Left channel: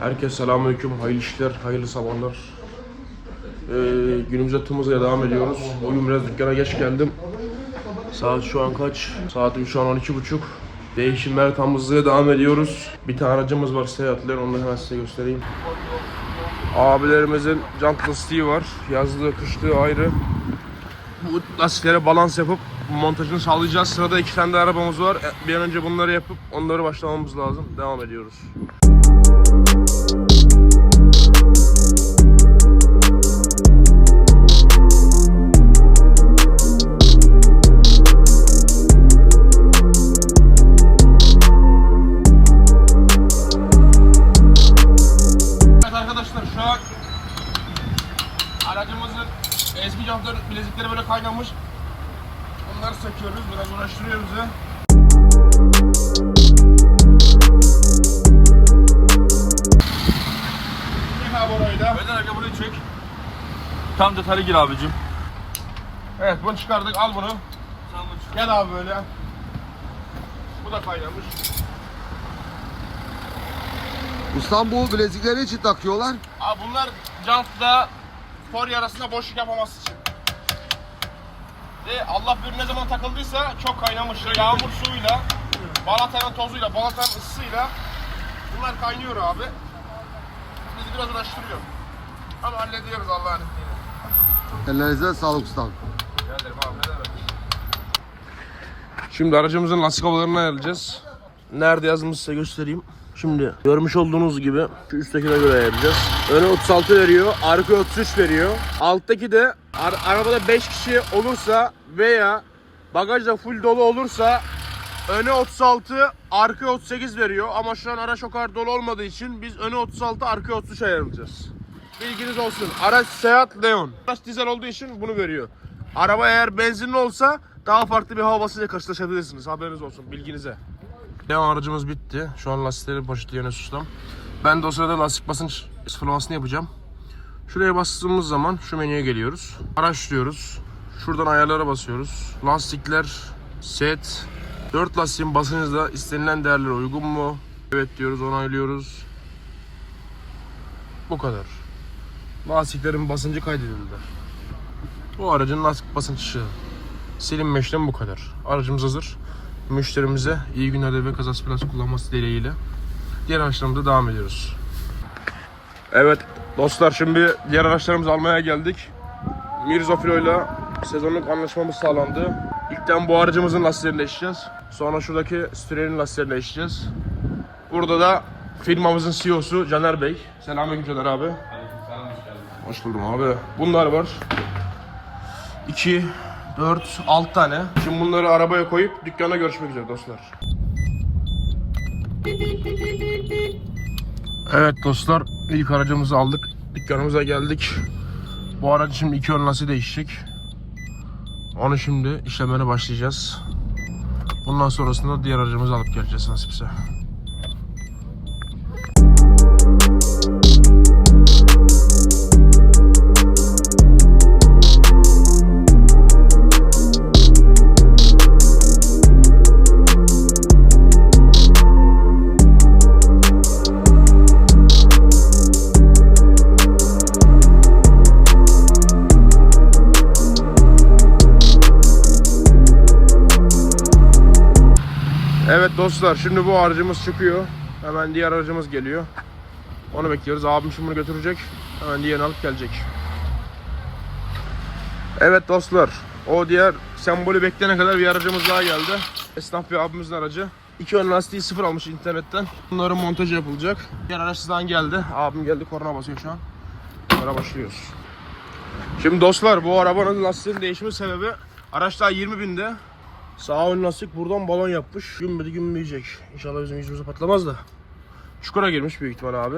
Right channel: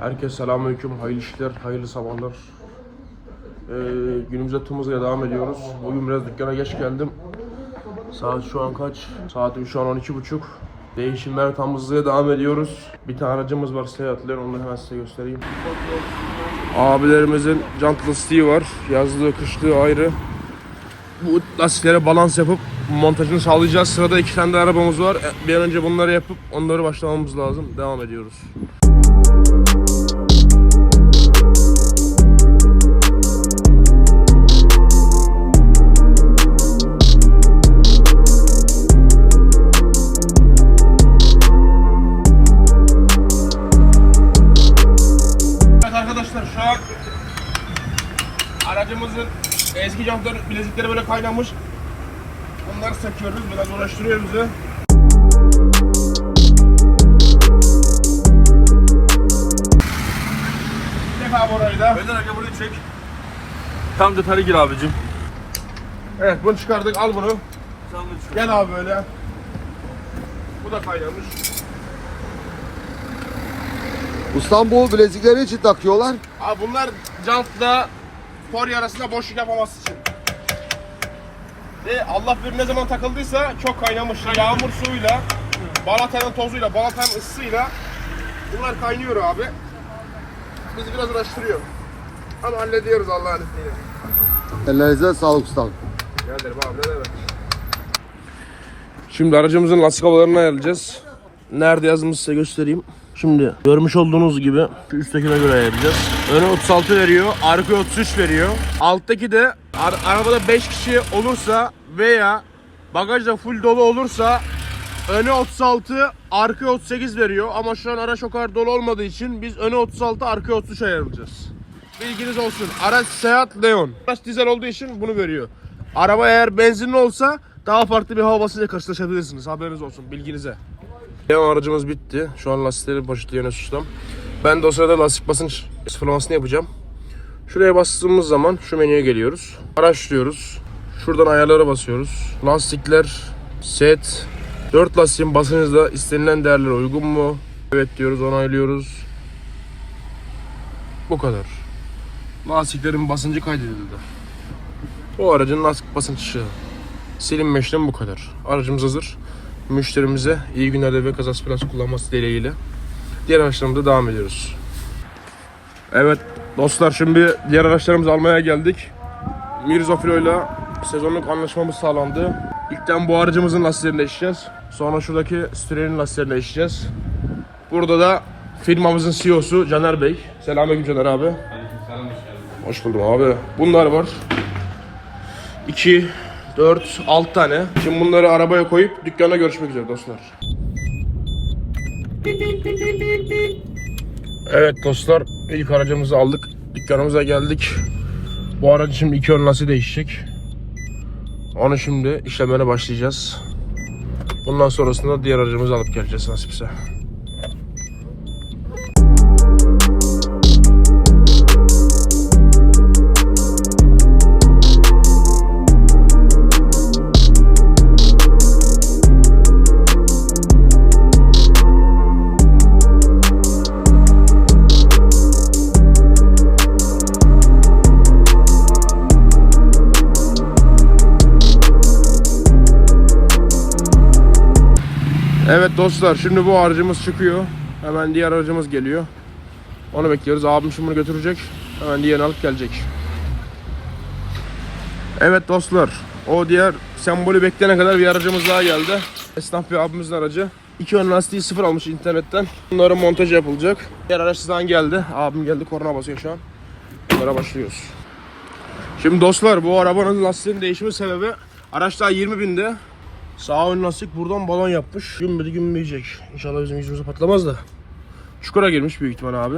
Herkese selamünaleyküm, hayırlı işler, hayırlı sabahlar. Ee, günümüze tımızla devam ediyoruz. Bugün biraz dükkana geç geldim. Saat şu an kaç? Saat şu an 12 buçuk. Değişimler tam hızlıya devam ediyoruz. Bir tane aracımız var seyahatler, onu da hemen size göstereyim. Abilerimizin jant lastiği var. Yazlığı, kışlığı ayrı. Bu lastiklere balans yapıp montajını sağlayacağız. Sırada iki tane de arabamız var. Bir an önce bunları yapıp onları başlamamız lazım. Devam ediyoruz. Bilezikleri böyle kaynamış. Onları söküyoruz. Biraz uğraştırıyor bizi. Çek abi orayı da. Benden önce burayı çek. Tam detaylı gir abicim. Evet bunu çıkardık. Al bunu. Gel abi böyle. Bu da kaynamış. Ustam bu bilezikleri için takıyorlar. Abi bunlar jantla tori arasında boşluk yapmaması için. Ve Allah bilir ne zaman takıldıysa çok kaynamış. Yağmur suyuyla, balatanın tozuyla, balatanın ısısıyla bunlar kaynıyor abi. Bizi biraz uğraştırıyor. Ama hallediyoruz Allah'ın izniyle. Ellerinize sağlık ustam. Geldim abi ne demek. Şimdi aracımızın lastik havalarını ayarlayacağız. Nerede yazımı size göstereyim. Şimdi görmüş olduğunuz gibi üsttekine göre ayarlayacağız. Öne 36 veriyor, arka 33 veriyor. Alttaki de ar- arabada 5 kişi olursa veya bagajda full dolu olursa öne 36, arka 38 veriyor. Ama şu an araç o kadar dolu olmadığı için biz öne 36, arka 33 ayarlayacağız. Bilginiz olsun. Araç Seat Leon. Araç dizel olduğu için bunu veriyor. Araba eğer benzinli olsa daha farklı bir hava basıncıyla karşılaşabilirsiniz. Haberiniz olsun bilginize. Leon aracımız bitti. Şu an lastikleri poşetliyor Enes Ustam. Ben de o sırada lastik basınç sıfırlamasını yapacağım. Şuraya bastığımız zaman şu menüye geliyoruz. Araçlıyoruz. Şuradan ayarlara basıyoruz. Lastikler, set. 4 lastiğin basıncı istenilen değerlere uygun mu? Evet diyoruz, onaylıyoruz. Bu kadar. Lastiklerin basıncı kaydedildi. Bu aracın lastik basıncı silinme işlemi bu kadar. Aracımız hazır. Müşterimize iyi günlerde ve kazası biraz kullanması dileğiyle. Diğer araçlarımıza devam ediyoruz. Evet dostlar şimdi diğer araçlarımızı almaya geldik. Mirza ile sezonluk anlaşmamız sağlandı. İlkten bu aracımızın lastiklerini değiştireceğiz. Sonra şuradaki Stüren'in lastiklerini değiştireceğiz. Burada da firmamızın CEO'su Caner Bey. Selamünaleyküm Caner abi. Hoş buldum abi. Bunlar var. 2, 4, 6 tane. Şimdi bunları arabaya koyup dükkana görüşmek üzere dostlar. Evet dostlar ilk aracımızı aldık. Dükkanımıza geldik. Bu aracı şimdi iki ön lastiği değişecek. Onu şimdi işlemlerine başlayacağız. Bundan sonrasında diğer aracımızı alıp geleceğiz nasipse. Dostlar şimdi bu aracımız çıkıyor. Hemen diğer aracımız geliyor. Onu bekliyoruz. Abim şimdi bunu götürecek. Hemen diğerini alıp gelecek. Evet dostlar. O diğer sembolü bekleyene kadar bir aracımız daha geldi. Esnaf bir abimizin aracı. İki ön lastiği sıfır almış internetten. Bunların montajı yapılacak. Diğer araç sizden geldi. Abim geldi korna basıyor şu an. Bunlara başlıyoruz. Şimdi dostlar bu arabanın lastiğinin değişimi sebebi araç daha 20 binde. Sağ ön lastik buradan balon yapmış. Gümmedi gümmeyecek. İnşallah bizim yüzümüze patlamaz da. Çukura girmiş büyük ihtimal abi.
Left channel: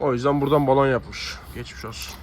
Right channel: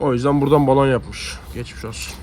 O yüzden buradan balon yapmış. Geçmiş olsun.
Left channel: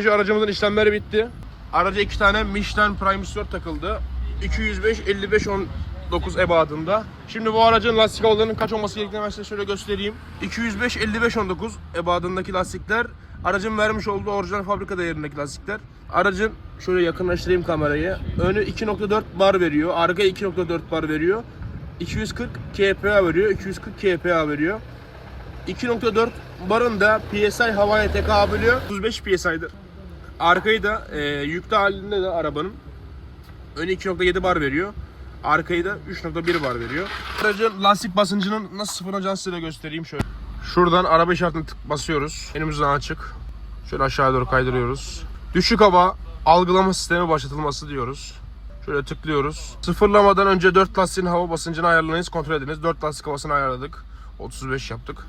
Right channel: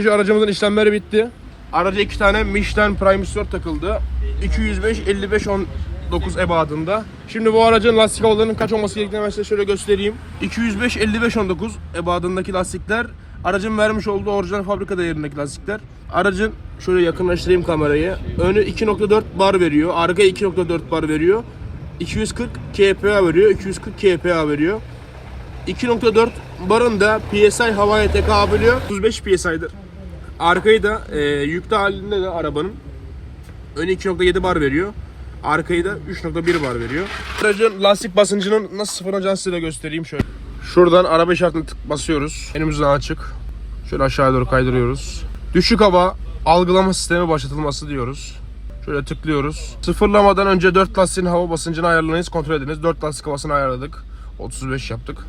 Peugeot aracımızın işlemleri bitti. Araca iki tane Michelin Primus 4 takıldı. 205 55 19 ebadında. Şimdi bu aracın lastik havalarının kaç olması gerektiğini ben size şöyle göstereyim. 205 55 19 ebadındaki lastikler aracın vermiş olduğu orijinal fabrika değerindeki lastikler. Aracın şöyle yakınlaştırayım kamerayı. Önü 2.4 bar veriyor. Arka 2.4 bar veriyor. 240 kPa veriyor. 240 kPa veriyor. 2.4 barın da PSI havaya tekabül ediyor. 35 PSI'dir. Arkayı da e, yüklü halinde de arabanın önü 2.7 bar veriyor. Arkayı da 3.1 bar veriyor. Aracın lastik basıncının nasıl sıfırlanacağını size de göstereyim şöyle. Şuradan araba işaretini tık basıyoruz. Önümüzden açık. Şöyle aşağı doğru kaydırıyoruz. Düşük hava algılama sistemi başlatılması diyoruz. Şöyle tıklıyoruz. Sıfırlamadan önce 4 lastiğin hava basıncını ayarlayınız, kontrol ediniz. 4 lastik havasını ayarladık. 35 yaptık.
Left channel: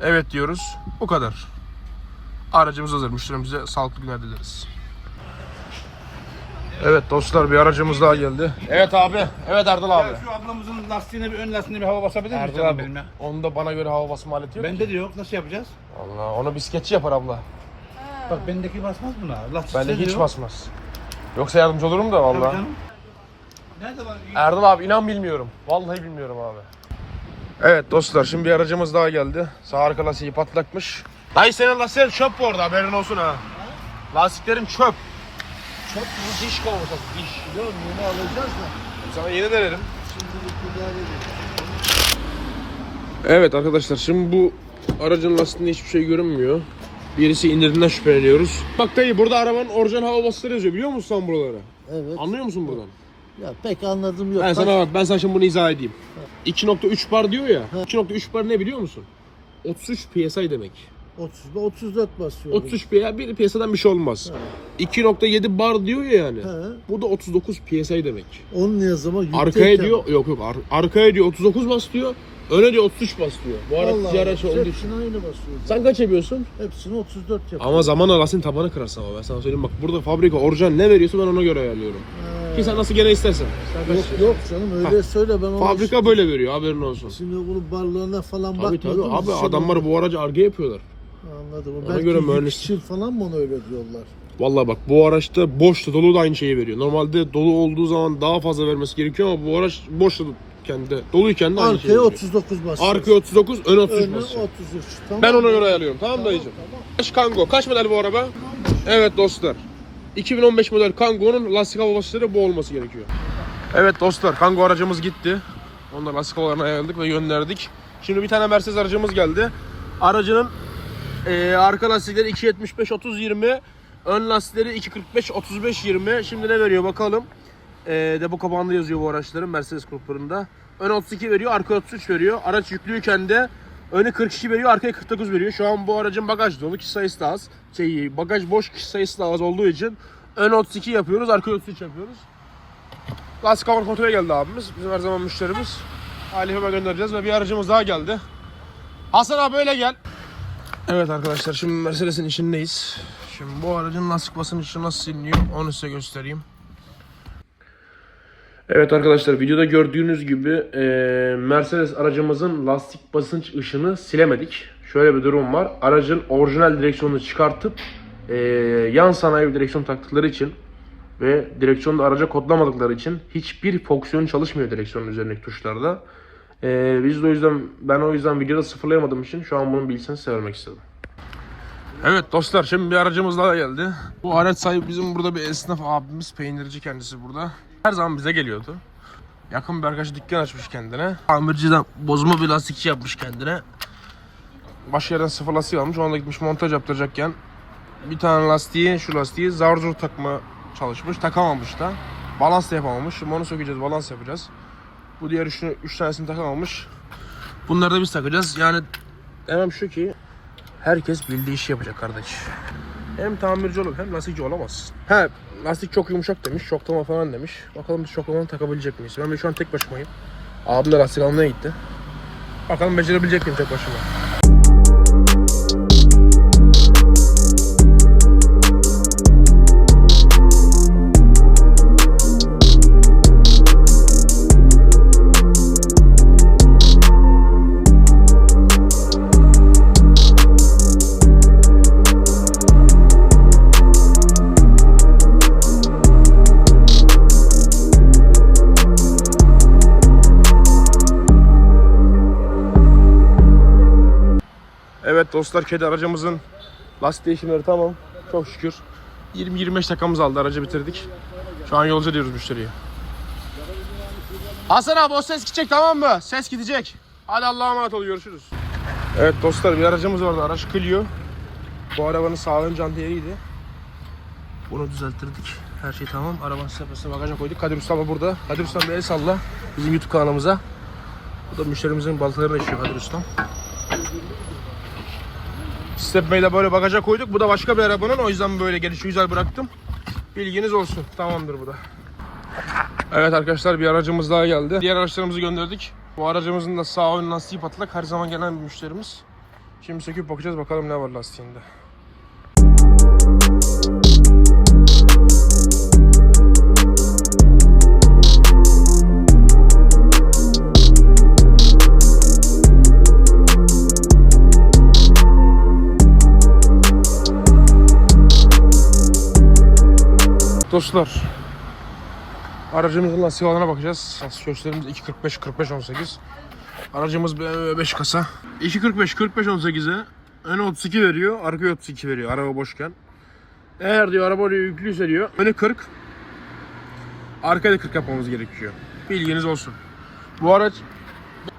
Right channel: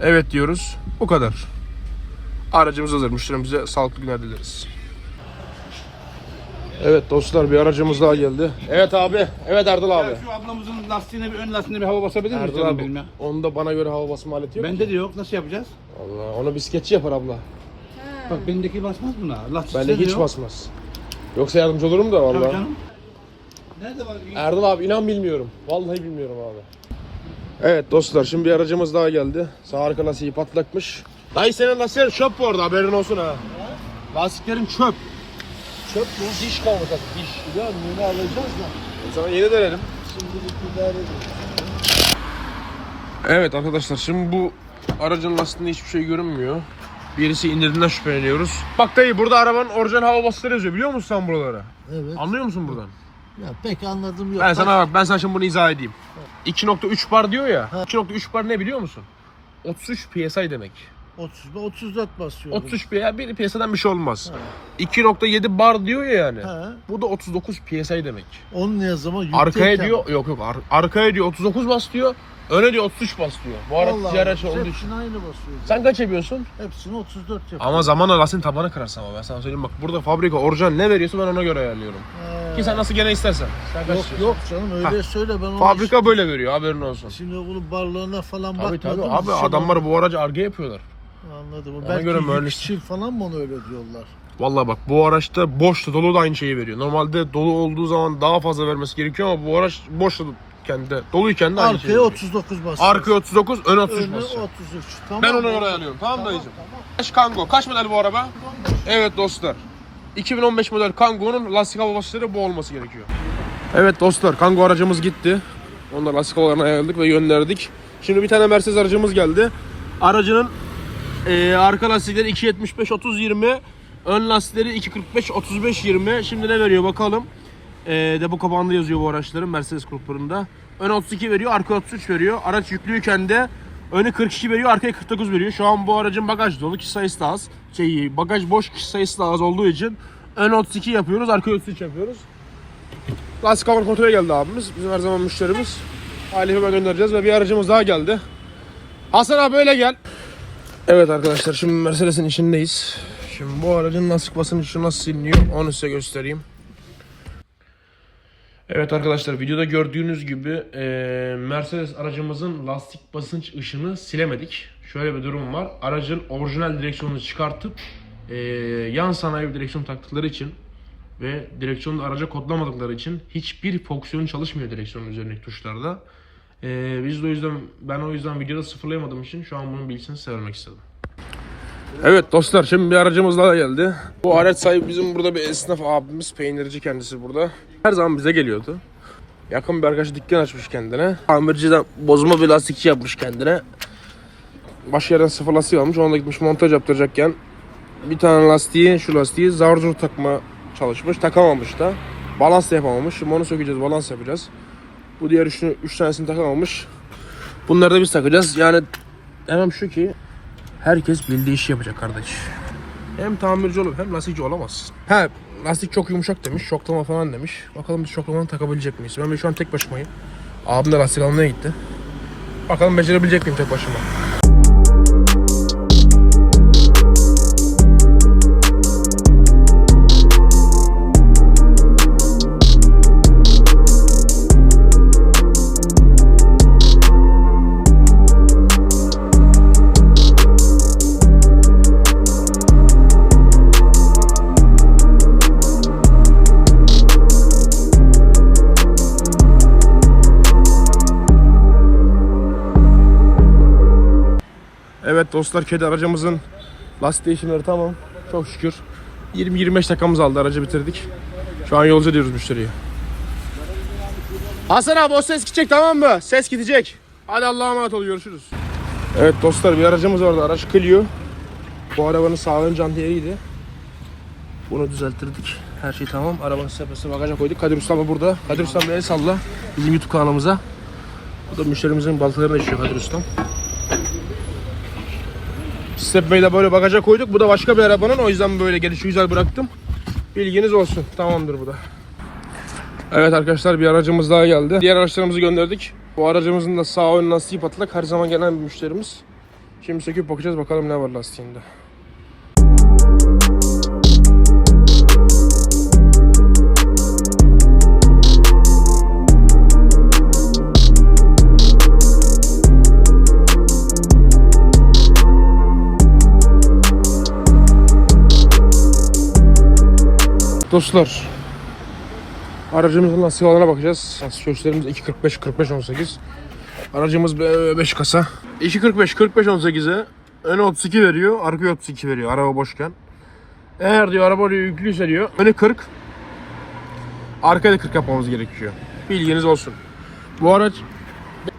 Evet diyoruz. Bu kadar. Aracımız hazır. Müşterimize sağlıklı günler dileriz. Evet dostlar bir aracımız daha geldi. Evet abi. Evet Erdal abi. Şu ablamızın lastiğine bir ön lastiğine bir hava basabilir misin? Erdal abi. Onda bana göre hava basma aleti yok Bende ki. de yok. Nasıl yapacağız? Allah onu bisikletçi yapar abla. Bak bendeki basmaz mı? Lastik Bende hiç basmaz. Yoksa yardımcı olurum da vallahi. Nerede var? Erdal abi inan bilmiyorum. Vallahi bilmiyorum abi. Evet dostlar şimdi bir aracımız daha geldi. Sağ arka lastiği patlakmış. Dayı senin lastiğin çöp bu arada haberin olsun ha. Lastiklerin çöp. Çöp mü? Diş kalmış artık diş. Ya bunu alacağız da. Sana yeni denerim. Şimdi bir idare edin. Evet arkadaşlar şimdi bu aracın lastiğinde hiçbir şey görünmüyor. Birisi indirdiğinden şüpheleniyoruz. Bak dayı burada arabanın orijinal hava basıları yazıyor biliyor musun sen buraları? Evet. Anlıyor musun buradan? Ya pek anladım yok. Ben sana bak ben sana şimdi bunu izah edeyim. 2.3 bar diyor ya. 2.3 bar ne biliyor musun? 33 PSI demek. 30 ve 34 basıyorum. 33 PSI bir PSI'den bir şey olmaz. 2.7 bar diyor ya yani. He. Bu da 39 PSI demek. Onun yüksek Arkaya diyor yok yok ar- arkaya diyor 39 bas diyor. Öne diyor 33 bas diyor. Bu diğer bak, araç olduğu için. aynı basıyor. Sen kaç yapıyorsun? Hepsini 34 yapıyor. Ama zamanla lastiğin tabanı kırarsın ama ben sana söyleyeyim bak burada fabrika orijinal ne veriyorsa ben ona göre ayarlıyorum. He. Ki sen nasıl gene istersen. Sen kaç Yok yok canım öyle söyle ben onu Fabrika böyle veriyor haberin olsun. Şimdi bunun barlığına falan Tabii bakmadım. tabii abi adamlar bu aracı arge yapıyorlar. Anladım. Ona Belki göre mühendis- falan mı onu öyle diyorlar? Vallahi bak bu araçta boşta dolu da aynı şeyi veriyor. Normalde dolu olduğu zaman daha fazla vermesi gerekiyor ama bu araç boşta kendi doluyken de aynı şeyi Arkaya veriyor. 39 basıyor. Arkaya 39, ön 33 Önü basıyor. 33. Tamam. Ben ona göre ayarlıyorum. Tamam, mı dayıcım? Tamam. Kaç Kango? Kaç model bu araba? Evet dostlar. 2015 model Kango'nun lastik hava basıcıları bu olması gerekiyor. Evet dostlar Kango aracımız gitti. Onları lastik havalarını ayarladık ve gönderdik. Şimdi bir tane Mercedes aracımız geldi. Aracının eee, arka lastikleri 2.75 30 20, ön lastikleri 2.45 35 20. Şimdi ne veriyor bakalım. Eee depo kapağında yazıyor bu araçların Mercedes gruplarında. Ön 32 veriyor, arka 33 veriyor. Araç yüklüyken de önü 42 veriyor, arkaya 49 veriyor. Şu an bu aracın bagaj dolu, kişi sayısı da az. Şey, bagaj boş, kişi sayısı da az olduğu için ön 32 yapıyoruz, arka 33 yapıyoruz. Lastik hava kontrole geldi abimiz. Bizim her zaman müşterimiz. Halife hemen göndereceğiz ve bir aracımız daha geldi. Hasan abi öyle gel. Evet arkadaşlar şimdi Mercedes'in içindeyiz. Şimdi bu aracın lastik basıncı nasıl siliniyor onu size göstereyim. Evet arkadaşlar videoda gördüğünüz gibi e, Mercedes aracımızın lastik basınç ışını silemedik. Şöyle bir durum var. Aracın orijinal direksiyonunu çıkartıp e, yan sanayi direksiyon taktıkları için ve direksiyonu araca kodlamadıkları için hiçbir fonksiyon çalışmıyor direksiyonun üzerindeki tuşlarda. E, biz de o yüzden ben o yüzden videoda sıfırlayamadığım için şu an bunun bilgisini size vermek istedim. Evet dostlar şimdi bir aracımız daha geldi. Bu araç sahibi bizim burada bir esnaf abimiz, peynirci kendisi burada. Her zaman bize geliyordu. Yakın bir arkadaş dükkan açmış kendine. Tamirciden bozma bir lastikçi yapmış kendine. Başka yerden sıfır lastik almış. Ona da gitmiş montaj yaptıracakken bir tane lastiği, şu lastiği zar zor takma çalışmış. Takamamış da. Balans da yapamamış. Şimdi onu sökeceğiz, balans yapacağız. Bu diğer üçünü, üç tanesini takamamış. Bunları da biz takacağız. Yani demem şu ki Herkes bildiği işi yapacak kardeş. Hem tamirci olup hem lastikçi olamazsın. Ha lastik çok yumuşak demiş, şoklama falan demiş. Bakalım biz şoklamanı takabilecek miyiz? Ben şu an tek başımayım. Abim de lastik almaya gitti. Bakalım becerebilecek miyim tek başıma? Dostlar kedi aracımızın lastik değişimleri tamam. Çok şükür. 20-25 dakikamız aldı aracı bitirdik. Şu an yolcu ediyoruz müşteriye. Hasan abi o ses gidecek tamam mı? Ses gidecek. Hadi Allah'a emanet ol görüşürüz. Evet dostlar bir aracımız vardı araç Clio. Bu arabanın sağ ön jantiyeydi. Bunu düzelttirdik. Her şey tamam. Arabanın sepesine bagaja koyduk. Kadir Usta da burada. Kadir Usta el salla. Bizim YouTube kanalımıza. Bu da müşterimizin baltalarını işiyor Kadir Usta. Stepway'i de böyle bagaja koyduk. Bu da başka bir arabanın. O yüzden böyle gelişi güzel bıraktım. Bilginiz olsun. Tamamdır bu da. Evet arkadaşlar bir aracımız daha geldi. Diğer araçlarımızı gönderdik. Bu aracımızın da sağ ön lastiği patlak. Her zaman gelen bir müşterimiz. Şimdi söküp bakacağız bakalım ne var lastiğinde. Dostlar Aracımızın lastiklerine bakacağız. Lastik gösterimiz 2.45 45 18. Aracımız 5 kasa. 2.45 45 18'e öne 32 veriyor, arkaya 32 veriyor araba boşken. Eğer diyor araba yüklüyse diyor önü 40 arkaya da 40 yapmamız gerekiyor. Bilginiz olsun. Bu araç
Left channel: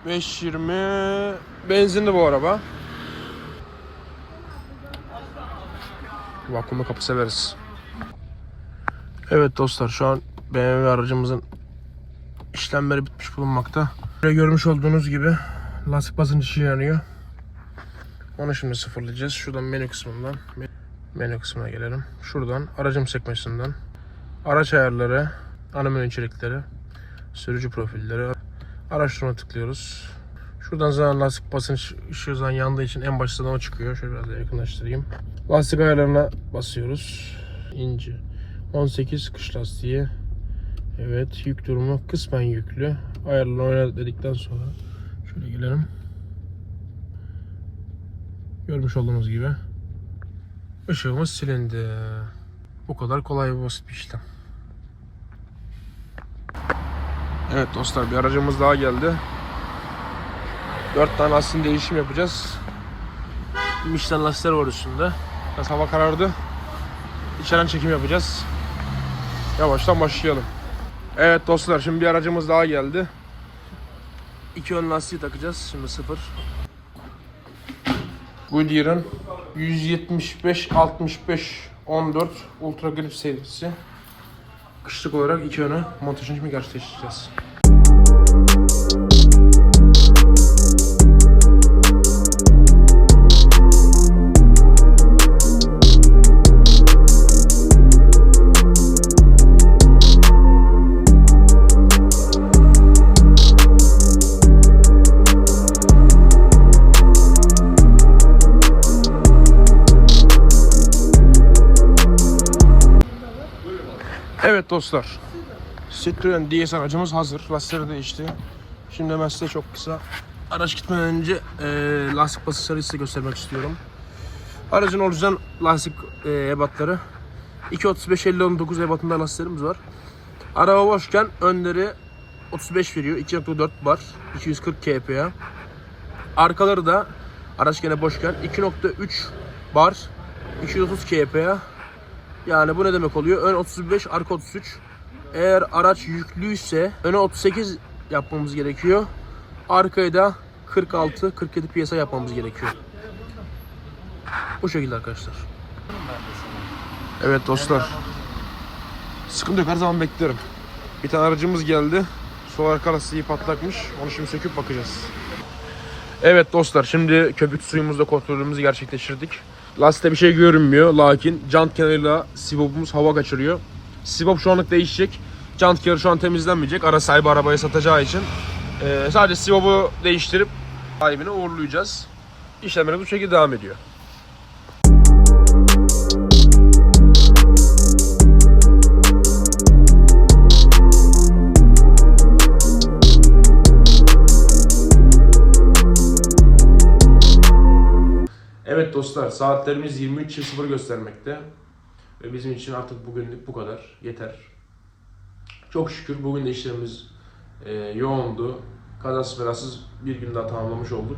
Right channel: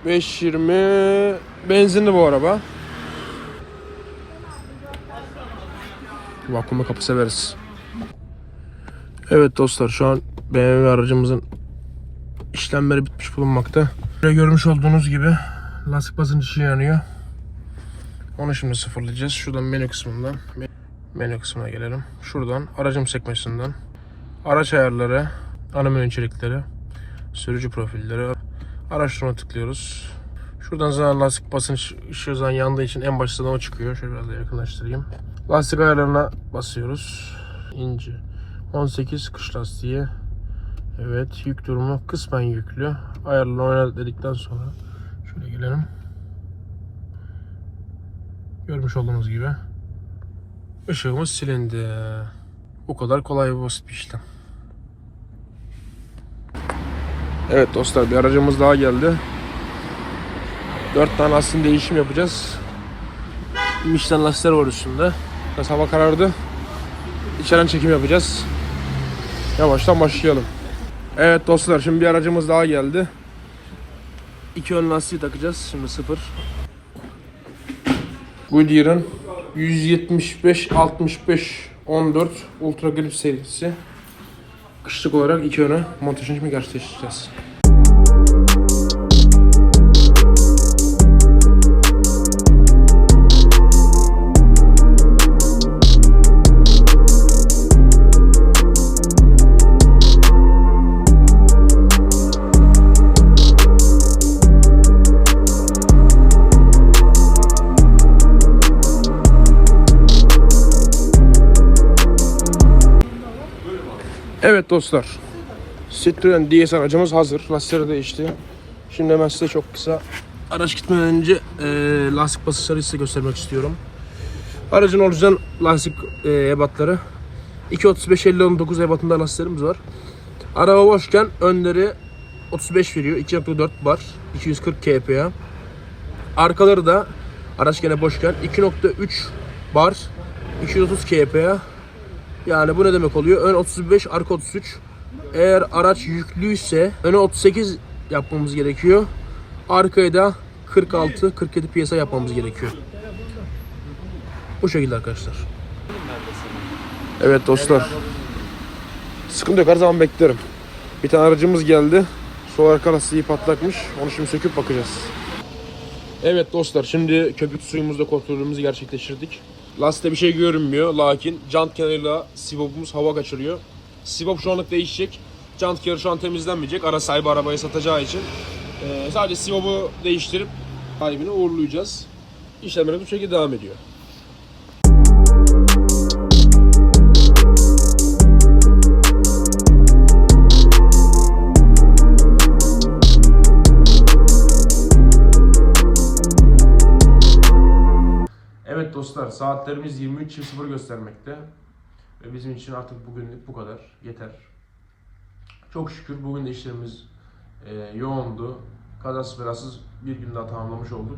520 benzinli bu araba. Vakumlu kapı severiz. Evet dostlar şu an BMW aracımızın işlemleri bitmiş bulunmakta. Böyle görmüş olduğunuz gibi lastik basıncı yanıyor. Onu şimdi sıfırlayacağız. Şuradan menü kısmından menü kısmına gelelim. Şuradan aracım sekmesinden araç ayarları, ana içerikleri, sürücü profilleri, araştırma tıklıyoruz. Şuradan zaten lastik basınç ışığı zaten yandığı için en başta o çıkıyor. Şöyle biraz yakınlaştırayım. Lastik ayarlarına basıyoruz. İnce. 18 kış lastiği. Evet yük durumu kısmen yüklü. Ayarını oyna dedikten sonra şöyle gelelim. Görmüş olduğunuz gibi ışığımız silindi. Bu kadar kolay basit bir işlem. Evet dostlar bir aracımız daha geldi. 4 tane aslında değişim yapacağız. Michelin lastikler var üstünde. Biraz karardı. İçeriden çekim yapacağız. Yavaştan başlayalım. Evet dostlar şimdi bir aracımız daha geldi. İki ön lastiği takacağız. Şimdi sıfır. Goodyear'ın 175 65 14 Ultra Grip serisi. Kışlık olarak iki öne montajını gerçekleştireceğiz. Evet dostlar. Citroen DS aracımız hazır. Lastikleri değişti. Şimdi hemen size çok kısa araç gitmeden önce e, lastik basınçları size göstermek istiyorum. Aracın orijinal lastik e, ebatları 2.35 50 19 ebatında lastiklerimiz var. Araba boşken önleri 35 veriyor. 2.4 bar. 240 kPa. Arkaları da araç gene boşken 2.3 bar. 230 kPa. Yani bu ne demek oluyor? Ön 35, arka 33. Eğer araç yüklüyse öne 38 yapmamız gerekiyor. Arkaya da 46, 47 piyasa yapmamız gerekiyor. Bu şekilde arkadaşlar. Evet dostlar. Sıkıntı yok her zaman beklerim. Bir tane aracımız geldi. Sol arka lastiği patlakmış. Onu şimdi söküp bakacağız. Evet dostlar şimdi köpük suyumuzla kontrolümüzü gerçekleştirdik. Lastikte bir şey görünmüyor lakin jant kenarıyla sibopumuz hava kaçırıyor. Sibop şu anlık değişecek. Jant kenarı şu an temizlenmeyecek. Ara sahibi arabayı satacağı için. Ee, sadece sibopu değiştirip sahibine uğurlayacağız. İşlemlerimiz bu şekilde devam ediyor. Dostlar saatlerimiz 23.00 göstermekte. Ve bizim için artık bugünlük bu kadar. Yeter. Çok şükür bugün de işlerimiz e, yoğundu. Kazasız belasız bir gün daha tamamlamış olduk.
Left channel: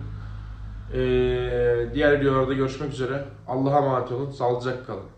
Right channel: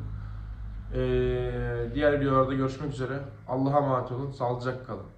Ee, diğer videolarda görüşmek üzere. Allah'a emanet olun. Sağlıcakla kalın.